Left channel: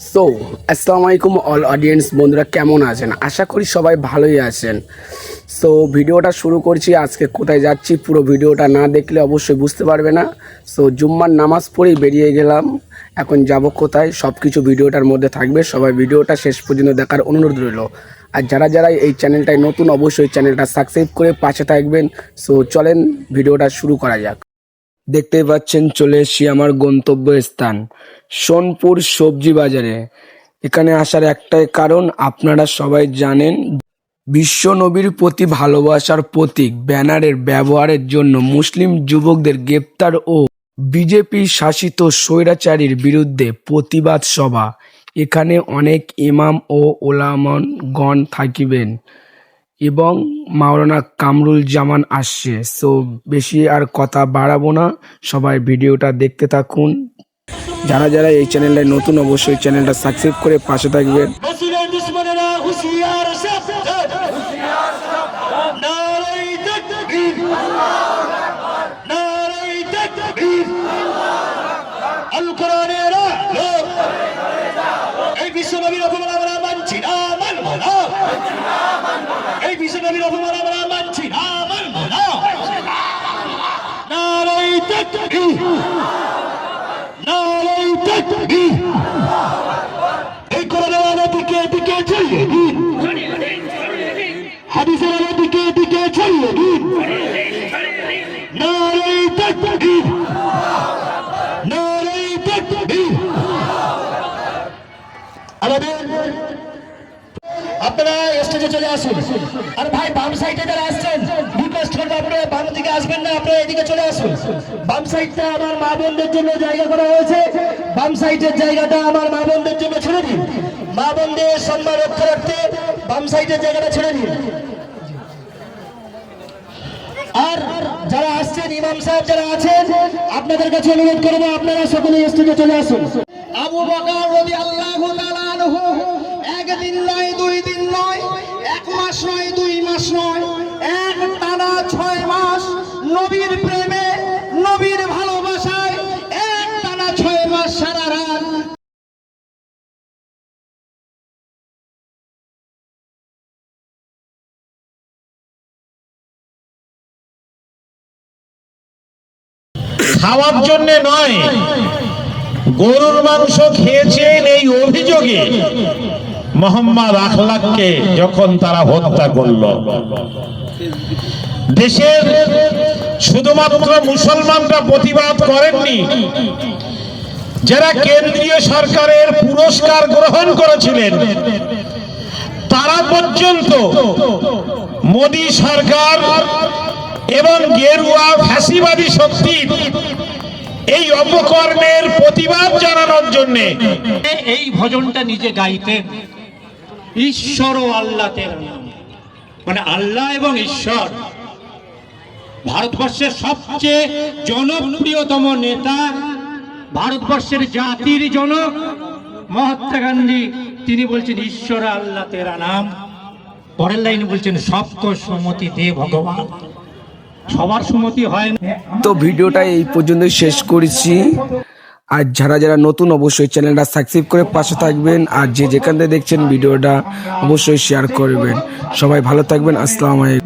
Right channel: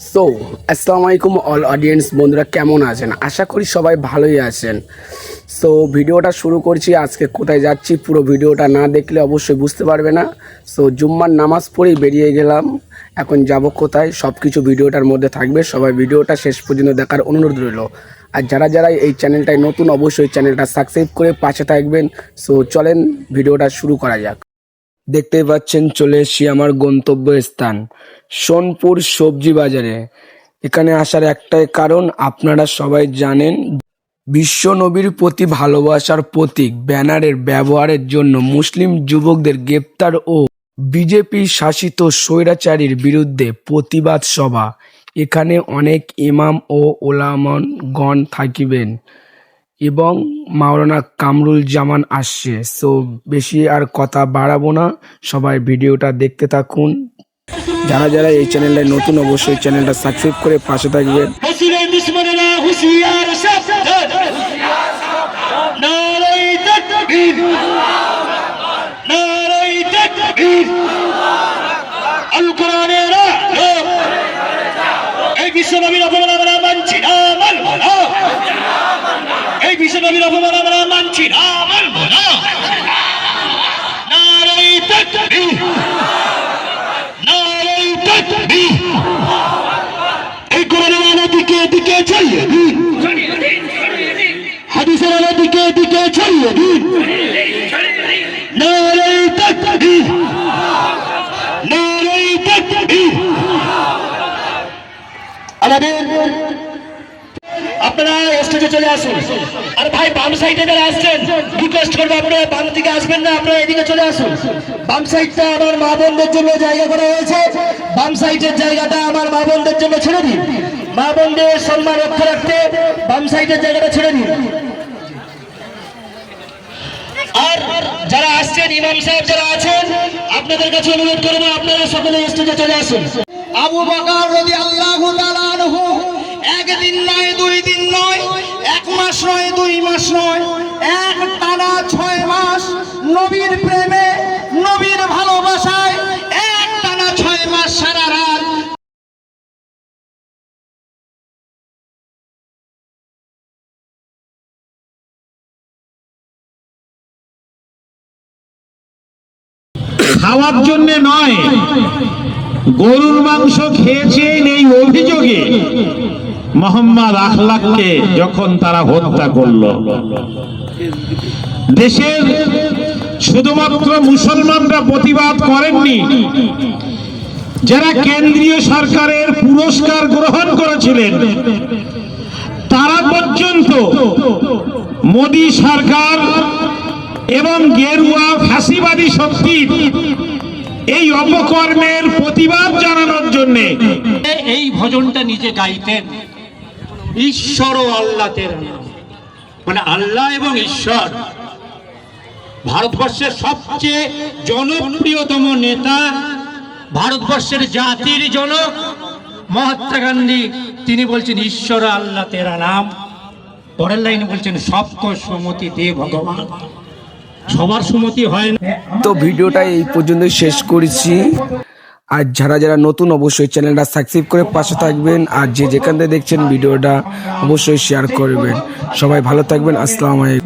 So আসসালামু আলাইকুম all audience বন্ধুরা, কেমন আছেন? আশা করি সবাই ভালোই আছেন। সো ভিডিওটা শুরু করছি। আজকে কোথায় যাচ্ছি পুরো ভিডিওটা না দেখলে অবশ্যই বুঝতে পারবে না। সো জুম্মার নামাজ পড়েই বেরিয়ে গেলাম, এখন যাব কোথায় সব কিছু ভিডিওটার মধ্যে থাকবে। সবাই ভিডিওটা শেষ পর্যন্ত দেখার অনুরোধ রইল। আর যারা যারা এই চ্যানেলটায় নতুন অবশ্যই চ্যানেলটা সাবস্ক্রাইব করে পাশে থাকবেন। সো চলেন ভিডিওটা শুরু করা যাক। দেখতেই পাচ্ছেন চলে এসেছি আমার গন্তব্য স্থান সোনপুর সবজি বাজারে। এখানে আসার একটাই কারণ, আপনারা সবাই জানেন বিশ্ব নবীর প্রতি ভালোবাসার প্রতীক ব্যানারের ব্যবহারের জন্য মুসলিম যুবকদের গ্রেপ্তার ও বিজেপি শাসিত স্বৈরাচারীর বিরুদ্ধে প্রতিবাদ সভা। এখানে অনেক ইমাম ও ওলামাগণ থাকিবেন এবং মাওলানা কামরুল জামান আসছে। সো বেশি আর কথা বাড়াবো না, সবাই ভিডিওটা দেখতে থাকুন। যারা যারা এই চ্যানেলে নতুন অবশ্যই চ্যানেলটা সাবস্ক্রাইব করে পাশে থাকবেন। এই বিশ্বনবীর অপমান আমরা মানছি না, মানব না। এই বিশ্বনবীর অপমান আমরা মানছি না, মানব না। নারায়ে তাকবীর, নারায়ে তাকবীর। এই কোরআনের দিকে দিকে চালিয়ে দিন, হাদিসের দিকে দিকে চালিয়ে দিন। নারায়ে তাকবীর, নারায়ে তাকবীর। আপনারা স্টেজে চলে আসুন। আর ভাই বাম সাইডে যারা আসছেন রিকোয়েস্ট করবো আপনারা বাম দিকে আসবেন না, আপনারা এদিকে চলে আসুন। বাম সাইডটা আমার মা বোনদের জন্য জায়গা করা হয়েছে, বাম সাইডের জায়গাটা আমার মা বোনদের জন্য ছেড়ে দিন। মা বোনদের সম্মান রক্ষা রাখতে বাম সাইডের জায়গাটা ছেড়ে দিন। আর যারা আসছেন ইমাম সাহেব যারা আছেন আপনাদের কাছে অনুরোধ করবো আপনারা সকলে স্টেজে চলে আসুন। আবু বকর রাদিয়াল্লাহু তাআলা আনহু একদিন নয়, 2 দিন নয়, 1 মাস নয়, 2 মাস নয়, এক টানা 6 মাস নবীর প্রেমে নবীর ভালোবাসায় এক টানা 6 মাস সারা রাত খাওয়ার জন্য নয়, গরুর মাংস খেয়েছেন এই অভিযোগে মোহাম্মদ আখলাককে যখন তারা হত্যা করল, দেশের শুধুমাত্র মুসলমানরা প্রতিবাদ করেননি, যারা কেন্দ্রীয় সরকারের পুরস্কার গ্রহণ করেছিলেন তারা পর্যন্ত মোদী সরকার এবং গেরুয়া ফ্যাসিবাদী শক্তির এই অপকর্মের প্রতিবাদ জানানোর জন্য এই ভজনটা নিজে গাইতেন, ঈশ্বর ও আল্লাহ তেরা নাম, মানে আল্লাহ এবং ঈশ্বর। ভারতবর্ষের সবচেয়ে জনপ্রিয়তম নেতা, ভারতবর্ষের জাতির জনক মহাত্মা গান্ধী, তিনি বলছেন ঈশ্বর আল্লাহ তেরা নাম। পরের লাইনে বলছেন সবক সম্মতি দে ভগবান। সবার সম্মতি হয় না। তো ভিডিওটা এই পর্যন্তই শেষ করেছি। আর যারা যারা নতুন অবশ্যই চ্যানেলটা সাবস্ক্রাইব করে পাশে থাকবেন। আর যে যেখান থেকে দেখছেন ভিডিওটা অবশ্যই শেয়ার করবেন। সবাই ভালো থাকবেন। আসসালামু আলাইকুম।